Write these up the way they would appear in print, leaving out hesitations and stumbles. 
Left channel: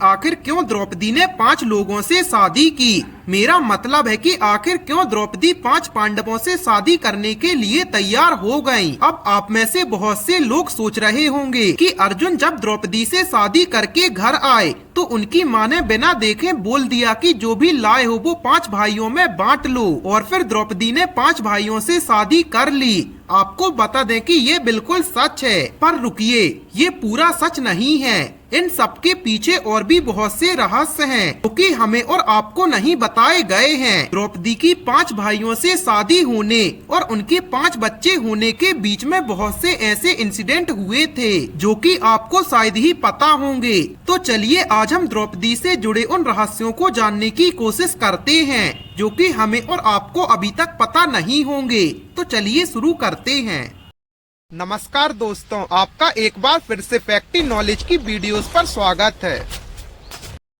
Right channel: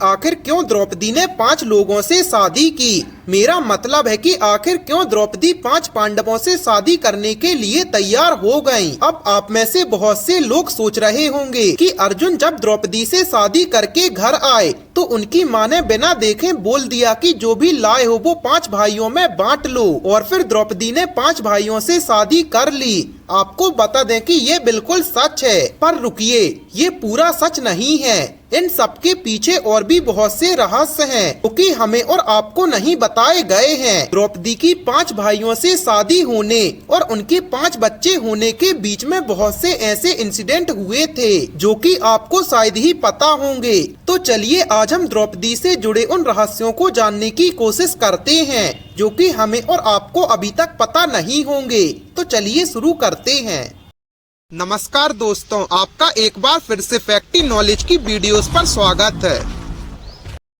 आखिर क्यों द्रौपदी ने 5 लोगों से शादी की? मेरा मतलब है कि आखिर क्यों द्रौपदी 5 पांडवों से शादी करने के लिए तैयार हो गईं? अब आप में से बहुत से लोग सोच रहे होंगे कि अर्जुन जब द्रौपदी से शादी करके घर आए तो उनकी माँ ने बिना देखे बोल दिया कि जो भी लाए हो वो 5 भाइयों में बांट लो, और फिर द्रौपदी ने 5 भाइयों से शादी कर ली। आपको बता दें कि ये बिल्कुल सच है, पर रुकिए, ये पूरा सच नहीं है। इन सबके पीछे और भी बहुत से रहस्य हैं, क्योंकि हमें और आपको नहीं बताए गए हैं। द्रौपदी की 5 भाइयों से शादी होने और उनके 5 बच्चे होने के बीच में बहुत से ऐसे इंसिडेंट हुए थे जो कि आपको शायद ही पता होंगे। तो चलिए आज हम द्रौपदी से जुड़े उन रहस्यों को जानने की कोशिश करते हैं जो कि हमें और आपको अभी तक पता नहीं होंगे। तो चलिए शुरू करते हैं। नमस्कार दोस्तों, आपका एक बार फिर से फैक्टी नॉलेज की वीडियोस पर स्वागत है।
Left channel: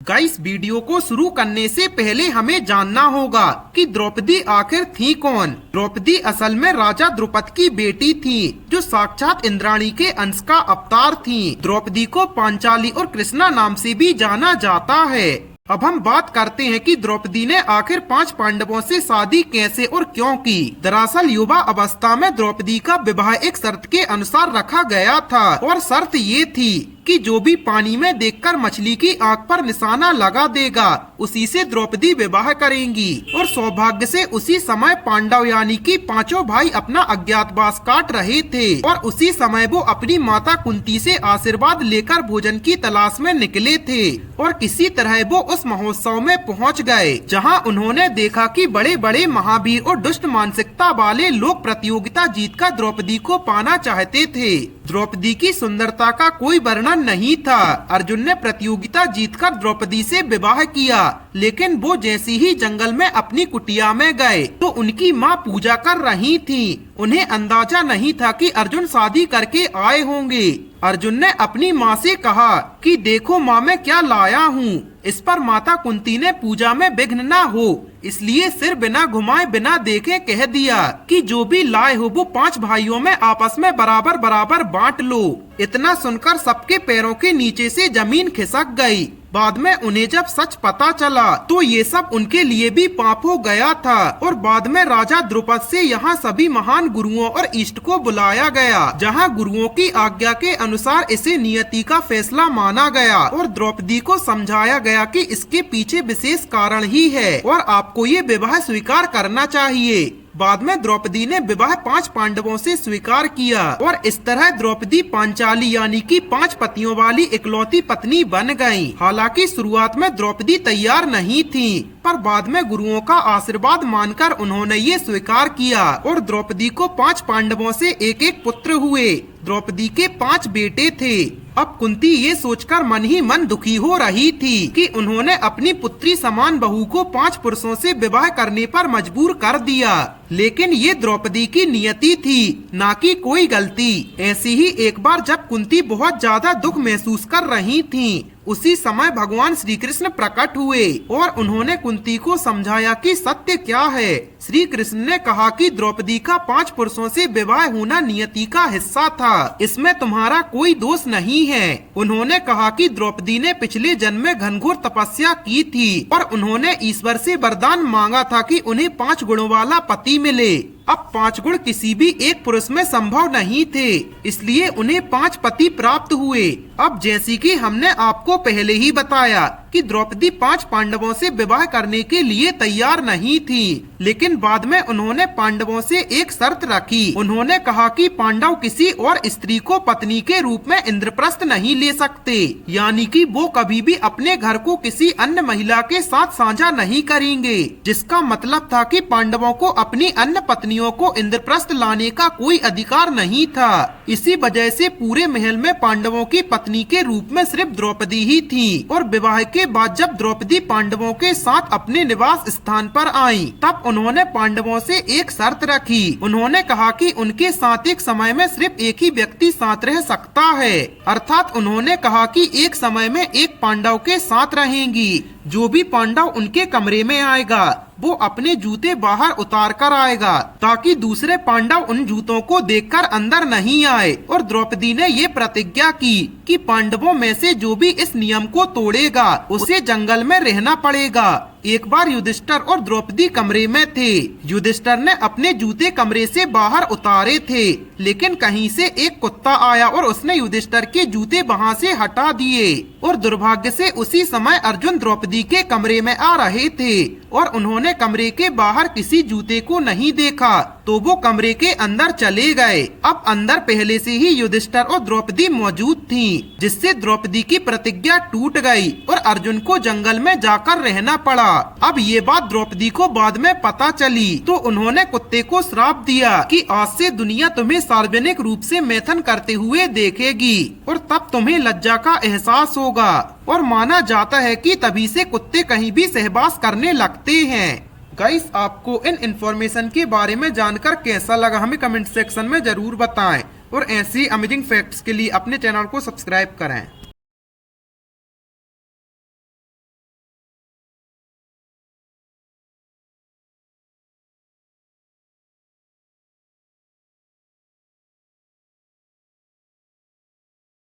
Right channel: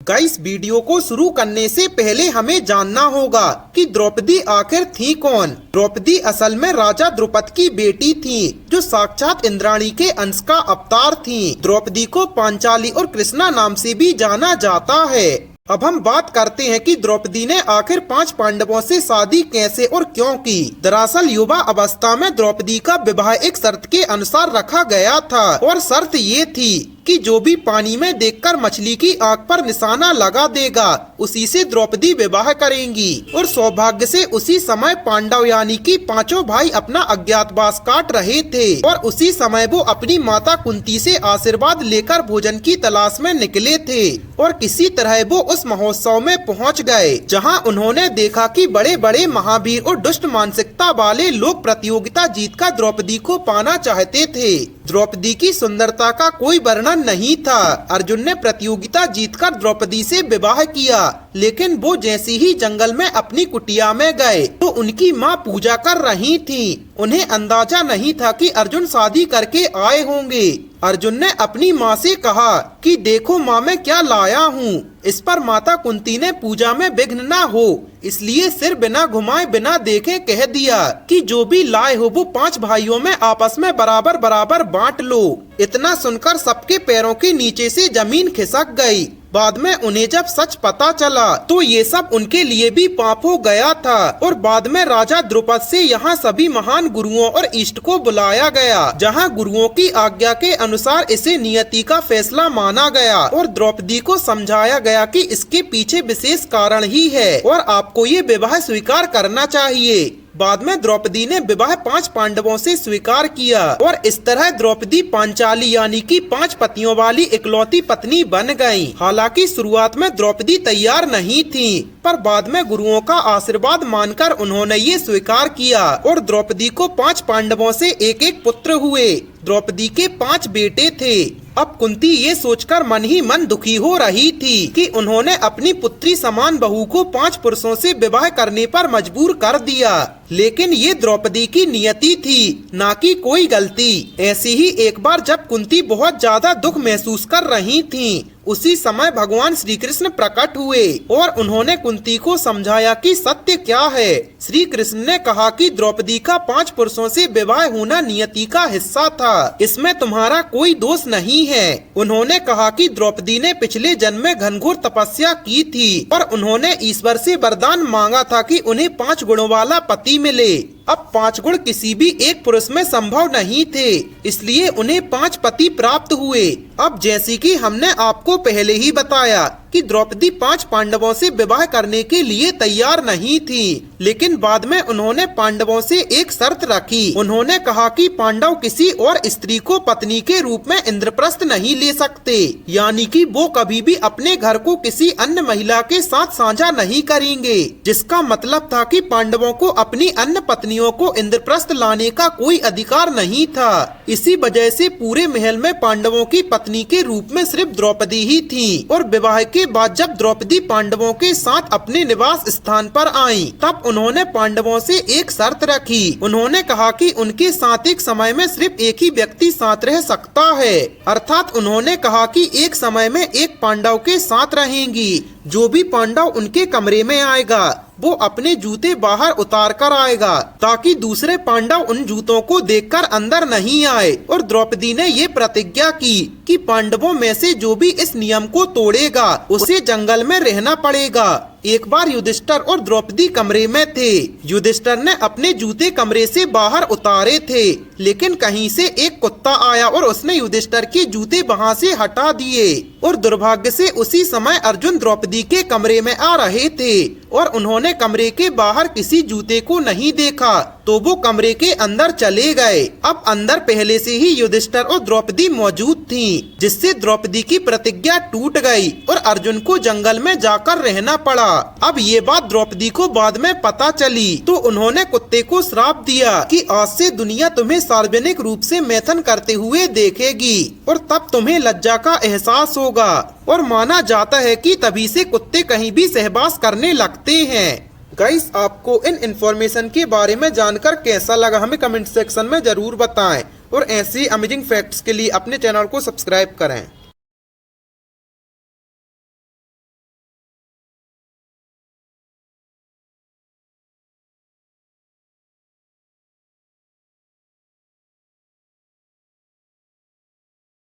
गाइस, वीडियो को शुरू करने से पहले हमें जानना होगा कि द्रौपदी आखिर थी कौन। द्रौपदी असल में राजा द्रुपद की बेटी थी जो साक्षात इंद्राणी के अंश का अवतार थी। द्रौपदी को पांचाली और कृष्णा नाम से भी जाना जाता है। अब हम बात करते हैं कि द्रौपदी ने आखिर 5 पांडवों से शादी कैसे और क्यों की। दरअसल युवा अवस्था में द्रौपदी का विवाह एक शर्त के अनुसार रखा गया था, और शर्त ये थी कि जो भी पानी में देखकर मछली की आंख पर निशाना लगा देगा उसी से द्रौपदी विवाह करेंगी। और सौभाग्य से उसी समय पांडव यानी कि 5 भाई अपना अज्ञातवास काट रहे थे, और उसी समय वो अपनी माता कुंती से आशीर्वाद लेकर भोजन की तलाश में निकले थे। और किसी तरह वो उस महोत्सव में पहुंच गए जहां उन्होंने देखा कि बड़े बड़े महावीर और दुष्ट मानसिकता वाले लोग प्रतियोगिता जीतकर द्रौपदी को पाना चाहते थे। द्रौपदी की सुंदरता का कोई वर्णन नहीं था। अर्जुन ने प्रतियोगिता जीतकर द्रौपदी से विवाह किया, लेकिन वो जैसे ही जंगल में अपनी कुटिया में गए तो उनकी माँ पूजा कर रही थी। उन्हें अंदाजा नहीं था कि अर्जुन शादी करके आए होंगे। अर्जुन ने अपनी माँ से कहा कि देखो माँ, मैं क्या लाया हूँ। इस पर माता कुंती ने पूजा में विघ्न न हो इसलिए सिर बिना घुमाए बिना देखे कह दिया कि जो भी लाए हो वो 5 भाइयों में आपस में बराबर बराबर बांट लो। इतना सुनकर सबके पैरों के नीचे से जमीन खिसक गई। बाद में उन्हें जब सच पता चला तो ये सब उनके लिए भी पाप हो गया था, और बाद में राजा द्रुपद से यहाँ सभी महान गुरुओं और इष्ट को बुलाया गया, जहाँ गुरुओं की आज्ञा के अनुसार इसे नियति का फैसला माना गया और द्रौपदी को समझाया गया कि इसके पीछे विशेष कारण ही है और आपको ये विवाह स्वीकार करना चाहिए। बाद में द्रौपदी ने विवाह 5 पांडवों से स्वीकार किया, और इस तरह द्रौपदी पांचाली यानी कि 5 पतियों वाली इकलौती पत्नी बन गयी। हालांकि शुरुआत में द्रौपदी तैयार नहीं थी, पर बाद में गुरुओं का आशीर्वाद मानकर उन्होंने ये स्वीकार किया, और द्रौपदी को 5 पांडवों से एक एक पुत्र हुए। द्रौपदी के 5 बेटे थे। अब कुंती ये सोचकर मन ही मन दुखी हो रही थी कि उन्होंने अपनी पुत्री समान बहू को 5 पुरुषों से विवाह करने पर मजबूर कर दिया, लेकिन ये द्रौपदी की नियति थी, ना कि कोई गलती। ऐसी ही एक बार जब कुंती बहुत ज्यादा दुख महसूस कर रही थी, उसी समय भगवान श्री कृष्ण प्रकट हुए और उन्होंने कुंती को समझाया कि सत्य क्या है। श्री कृष्ण ने कहा कि द्रौपदी का 5 पुरुषों से विवाह होना नियति का हिस्सा था, इसमें तुम्हारा कोई दोष नहीं है। उन्होंने कहा कि द्रौपदी ने पिछले जन्म में घनघोर तपस्या की थी और उन्होंने ईश्वर से वरदान मांगा था कि उन्हें 5 गुणों वाला पति मिले। अब 5 गुण किसी भी एक पुरुष में संभव नहीं थे, इसलिए उन्हें 5 पति प्राप्त हुए। अब जैसे कि हमने आपको पहले ही बताया कि द्रौपदी 5 पांडवों से विवाह करने के लिए तैयार नहीं थी, लेकिन बाद में उन्होंने पांडवों से एक शर्त रखी। उन्होंने कहा कि पांडव किसी और स्त्री को पत्नी के रूप में इंद्रप्रस्थ नहीं ले सकते, यानी कि वो कभी भी अपने घर को किसी अन्य महिला के साथ साझा नहीं करेंगे, जिसका मतलब था कि पांडवों को अपनी अन्य पत्नियों को इंद्रप्रस्थ लाने का कोई अधिकार नहीं था। इसी वजह से पूरे महल में पांडवों की पत्नी के रूप में सिर्फ द्रौपदी ही थी, और विवाह के बाद जब द्रौपदी पांडवों के साथ अपने निवास स्थान पर आई, तब उन्होंने पांडवों से एक शर्त रखी। उन्होंने कहा कि उनके साथ एक समय में सिर्फ एक ही व्यक्ति साथ रह सकता है, अर्थात उन्होंने कहा कि एक समय में एक पांडव के साथ रहेंगी। जो भी पांडव उनके कमरे में आएगा वो अपने जूते बाहर उतार कर आएगा ताकि दूसरे पांडव उन जूतों को देखकर अंदर नहीं आए। और द्रौपदी ने ये प्रतिज्ञा की कि पांडवों में से जो भी इस नियम को तोड़ेगा उसे जंगल में रहना पड़ेगा। एक बार युधिष्ठिर और द्रौपदी कमरे में थे। युधिष्ठिर ने अपने जूते कमरे से बाहर उतारे थे, लेकिन कहीं से एक कुत्ता आया और उसने युधिष्ठिर के जूते वहां से हटा दिए। और दुर्भाग्य से उसी समय अर्जुन द्रौपदी के कमरे में आ रहे थे और उन्होंने कमरे के बाहर किसी जूते को नहीं देखा, तो वो कमरे के अंदर चले गए। अब अंदर पहले से ही युधिष्ठिर और द्रौपदी मौजूद थीं, जिससे द्रौपदी की प्रतिज्ञा टूट गई और अर्जुन को जंगल में जाकर रहना पड़ा। अब ये बात द्रौपदी को बाद में पता चली, तो उन्होंने कुत्ते को श्राप दिया कि आज से दुनिया तुम्हें सार्वजनिक रूप से मैथुन करते हुए देखेगी और तब तुम्हें लज्जा का एहसास होगा। और माना जाता है कि तभी से कुत्ते कहीं भी सहवास करने लगते हैं। गाइस, आपको इन इन्फॉर्मेशन के बारे में जानकर कैसा लगा हमें कमेंट सेक्शन में जरूर बताएं और ऐसी अमेजिंग फैक्ट्स के लिए अपने चैनल को सब्सक्राइब करें।